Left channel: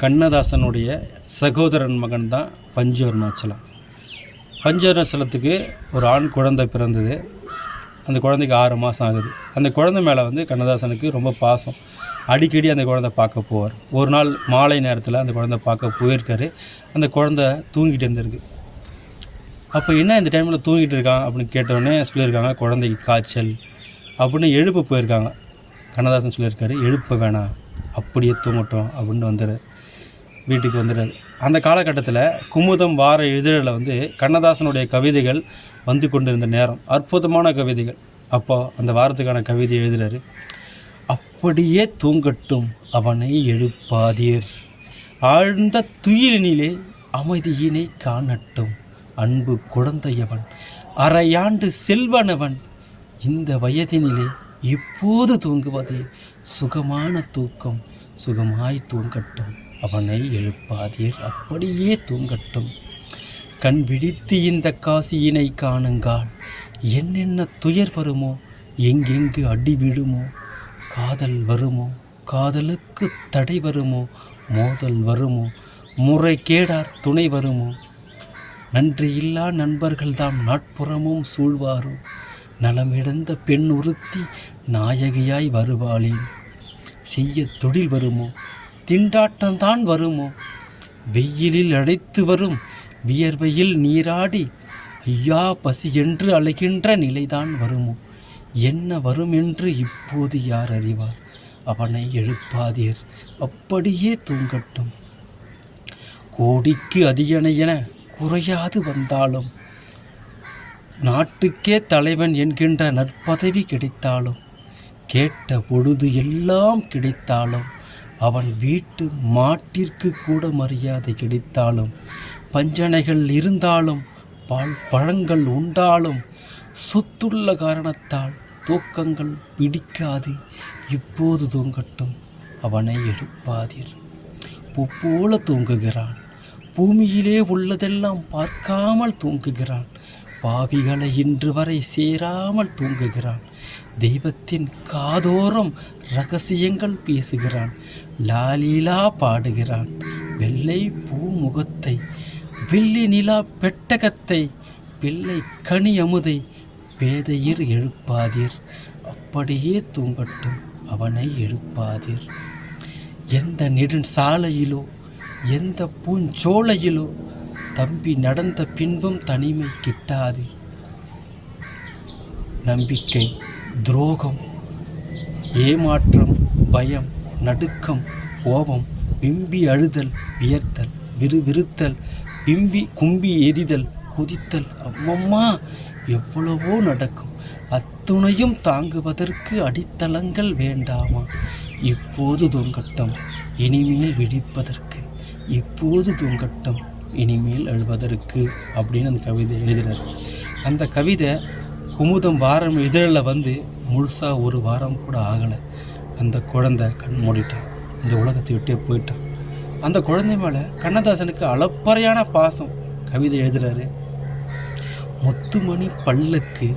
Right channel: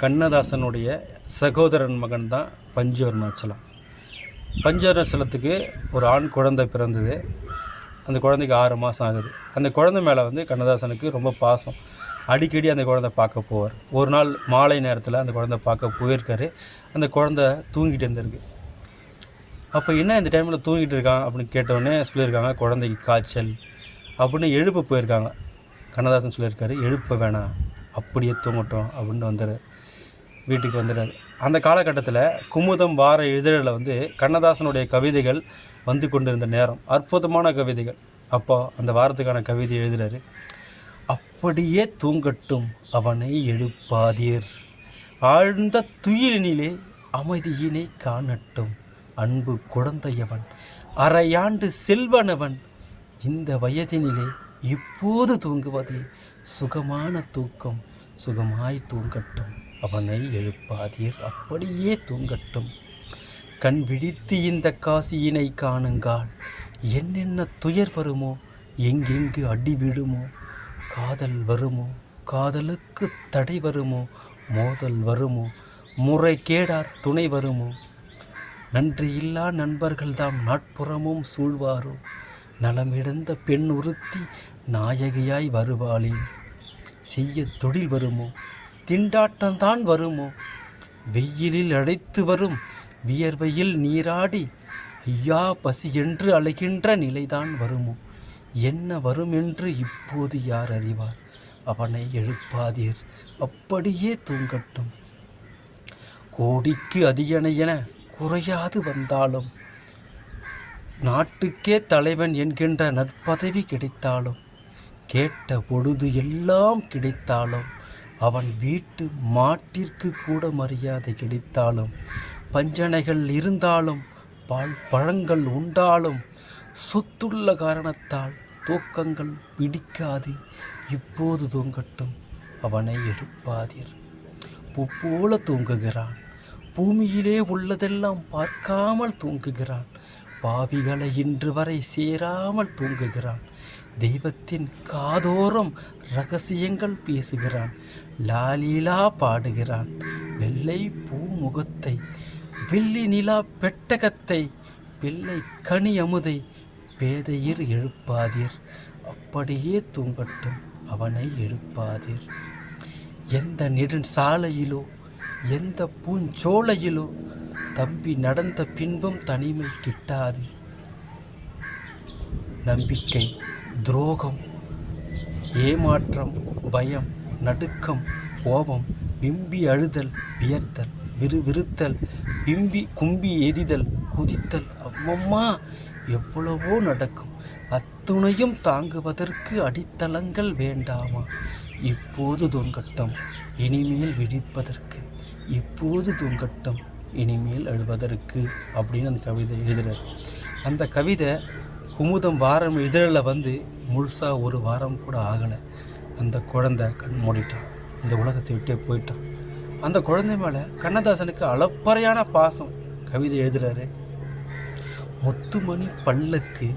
கண்ணதாசனுடைய சகோதரன் மகன் தான் பஞ்சு அருணாச்சலம். பஞ்சு அருணாச்சலத்துக்கு ஒரு ஆண் குழந்தை பிறந்தது. அந்த குழந்தைக்கு 6 மாதம் ஆகுது. அந்த குழந்தை மேலே கண்ணதாசனுக்கு ரொம்ப பாசம். அடிக்கடி அந்த குழந்தை பார்க்க போவார். ஒரு நாள் மாலை நேரத்தில் அந்த குழந்தை பார்க்க போயிருக்காரு. அந்த குழந்தை தூங்கிட்டு இருந்திருக்கு. அப்போ என்ன இந்த டைமில் தூங்கிட்டு இருக்கான் அப்படின்னு கேட்டோடனே சொல்லியிருக்காங்க, குழந்தைக்கு காய்ச்சல் அப்படின்னு எழுப்ப போயிருக்காங்க. கண்ணதாசன் சொல்லியிருக்காரு, எழுப்ப வேணாம், அப்படியே தூங்கட்டும் அப்படின்னு வீட்டுக்கு வந்துடுறாரு. அந்த காலகட்டத்தில் குமுதம் வார இதழில் கண்ணதாசனுடைய கவிதைகள் வந்து கொண்டிருந்த நேரம், அற்புதமான கவிதைகள். அப்போது அந்த வாரத்துக்கான கவிதை எழுதுகிறாரு. அப்படியே தூங்கட்டும் அவனை எழுப்பாதீர், ஆழ்ந்த துயிலினிலே அமைதியினை காணட்டும், அன்பு குழந்தையவன், அரையாண்டு செல்வனவன், இந்த வயதினிலே இப்போது தூங்குவதே சுகமான தூக்கம், சுகமாய் தூங்கட்டும் அவனை எழுப்பாதீர், அப்படியே தூங்கட்டும். கண் விழித்து இந்த காசியினை காணுங்கால், என்னென்ன துயர் வருமோ, எங்கெங்கு அடி விழுமோ, காதல் வருமோ, காதலுக்கு தடை வருமோ, மோதல் வருமோ, முறை கேடார் துணை வருமோ, நன்றியில்லா நண்பர்கள்தாம் நாட்புறமும் சூழ்வாரோ, நலமிழந்த பெண் ஒருத்தி நாயகியாய் வருவாளேன், செய்ய தொழில் வருமோ, திண்டாட்டம்தான் வருமோ, வெயிலில் அடைத்து வரும் வியர்வையில் நீராடி ஐயா பசி என்று அழைக்கின்ற நிலைதான் வருமோ, என்ன வரும் என்று இப்போது யார் அறிவார், அவனை எழுப்பாதீர், அப்படியே தூங்கட்டும். கோடிக்கு அதிகன என குறையாது வந்தாலும், நாட்டுக்கே தலைவன் என்கின்ற நற்பதவி கிடைத்தாலும், கேட்ட பொழுது எல்லாம் கிடைத்தாலும், அவன் வீட்டு மாட்டிற்கு கூட மரியாதை கிடைத்தாலும், பஞ்சனைகள் இருந்தாலும், பால் பழங்கள் உண்டாலும், சொத்துள்ள காரணத்தால் தூக்கங்கள் பிடிக்காது, இப்போது தூங்கட்டும் அவனை எழுப்பாதீர். பூ போல தூங்குகிறான், பூமியிலே உள்ளதெல்லாம் பார்க்காமல் தூங்குகிறான், பாவிகளை இன்று வரை சேராமல் தூங்குகிறான், தெய்வத்தின் காதோரம் ரகசியங்கள் பேசுகிறான், லாலீலா பாடுகிறான், வெள்ளை பூமுகத்தை, வெள்ளி நிலா பெட்டகத்தை, பிள்ளை கனி அமுதை, பேதையர் எழுப்பாதீர், அப்படியே தூங்கட்டும் அவனை எழுப்பாதீர். எந்த நெடுஞ்சாலையிலோ எந்த பூஞ்சோலையிலோ தம்பி நடந்த பின்பும் தனிமை கிட்டாது. நம்பிக்கை, துரோகம், ஏமாற்றம், பயம், நடுக்கம், கோபம், விம்பி அழுதல், வியர்த்தல், விறுவிறுத்தல், கும்பி எரிதல், கொதித்தல், அம்மம்மா எவ்வளவோ நடக்கும். அத்துணையும் தாங்குவதற்கு அடித்தளங்கள் வேண்டாமா? இப்போது தூங்கட்டும் இனிமேல் விழிப்பதற்கு, இப்போது தூங்கட்டும் இனிமேல் எழுவதற்கு அப்படின்னு அந்த கவிதை எழுதுகிறார். அந்த கவிதை குமுதம் வாரம் இதழில் முழுசாக ஒரு வாரம் கூட ஆகலை. அந்த குழந்தை கண் மூடிட்டான், இந்த உலகத்தை விட்டே போயிட்டான். அந்த குழந்தை மேலே கண்ணதாசனுக்கு அளப்பறையான பாசம். கவிதை எழுதுகிறாரு. முத்துமணி பல்லுக்கு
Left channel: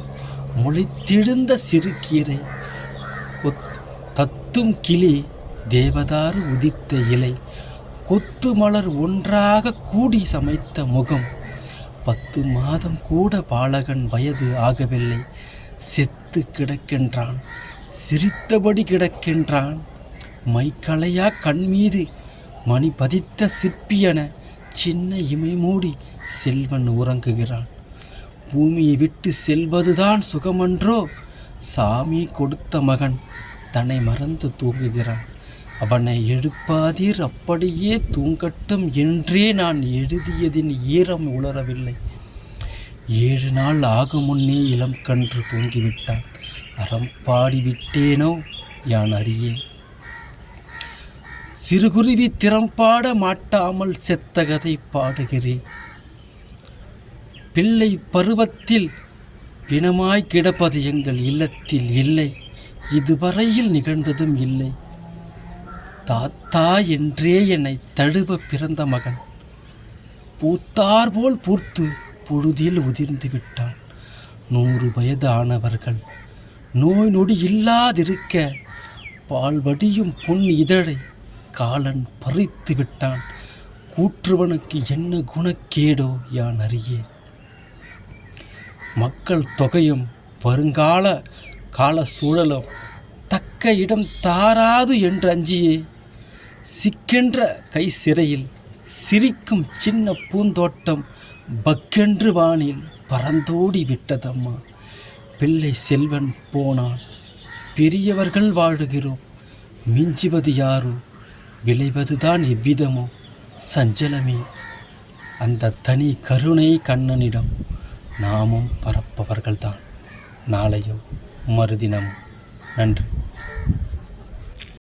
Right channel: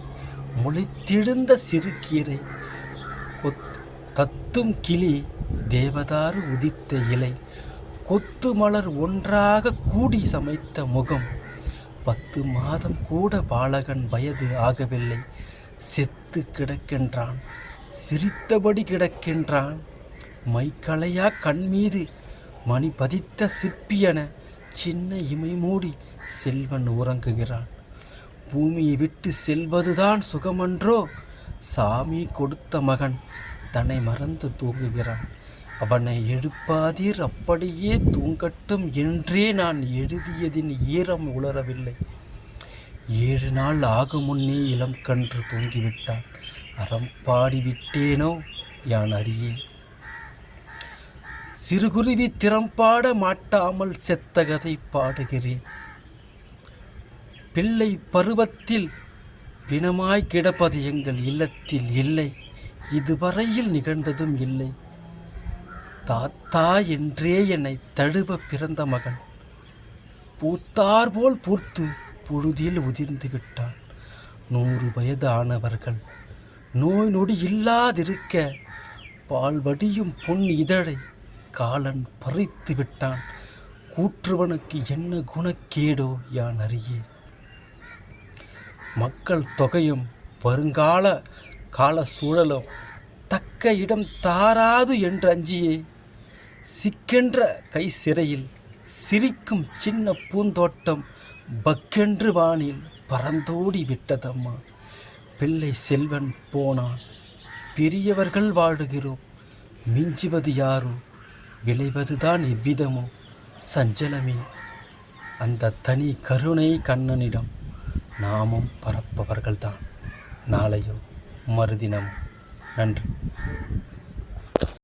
முளைத்திழுந்த சிறுகீரை, தத்தும் கிளி தேவதாறு உதித்த இலை, கொத்து மலர் ஒன்றாக கூடி சமைத்த முகம், 10 மாதம் கூட பாலகன் வயது ஆகவில்லை, செத்து கிடக்கின்றான், சிரித்தபடி கிடக்கின்றான், மைக்களையா கண்மீது மணி பதித்த சிற்பியென சின்ன இமை மூடி செல்வன் உறங்குகிறான். பூமியை விட்டு செல்வதுதான் சுகமன்றோ, சாமி கொடுத்த மகன் தன்னை மறந்து தூங்குகிறான், அவனை எழுப்பாதீர், அப்படியே தூங்கட்டும் என்றே நான் எழுதியதின் ஈரம் உலரவில்லை. 7 நாள் ஆகும் முன்னே இளம் கன்று தூங்கிவிட்டான், அறம் பாடிவிட்டேனோ யான் அறியேன். சிறுகுருவி திறம்பாட மாட்டாமல் செத்த கதை பாடுகிறேன். பிள்ளை பருவத்தில் பிணமாய் கிடப்பது எங்கள் இல்லத்தில் இல்லை, இதுவரையில் நிகழ்ந்ததும் இல்லை. தாத்தா என்றே என்னை தழுவ பிறந்த மகன் பூத்தார் போல் பூர்த்து பொழுதில் உதிர்ந்து விட்டான். 100 வயது ஆனவர்கள் நோய் நொடி இல்லாதிருக்க பால் வடியும் பொன் இதழை காலன் பறித்து விட்டான். கூற்றுவனுக்கு என்ன குணக்கேடோ யான் அறியேன். மக்கள் தொகையும் வருங்கால கால சூழலும் தக்க இடம் தாராது என்று அஞ்சியே சிக்கென்ற கை சிறையில் சிரிக்கும் சின்ன பூந்தோட்டம் பக்கென்று வானில் பறந்தோடி விட்டதம்மா. பிள்ளை செல்வன் போனான், பெரியவர்கள் வாழுகிறோம், மிஞ்சுவது யாரோ, விளைவதுதான் எவ்விதமோ சஞ்சலமே. அந்த தனி கருணை கண்ணனிடம் நாமும் பரப்பவர்கள்தான் நாளையோ மறுதினம். நன்றி.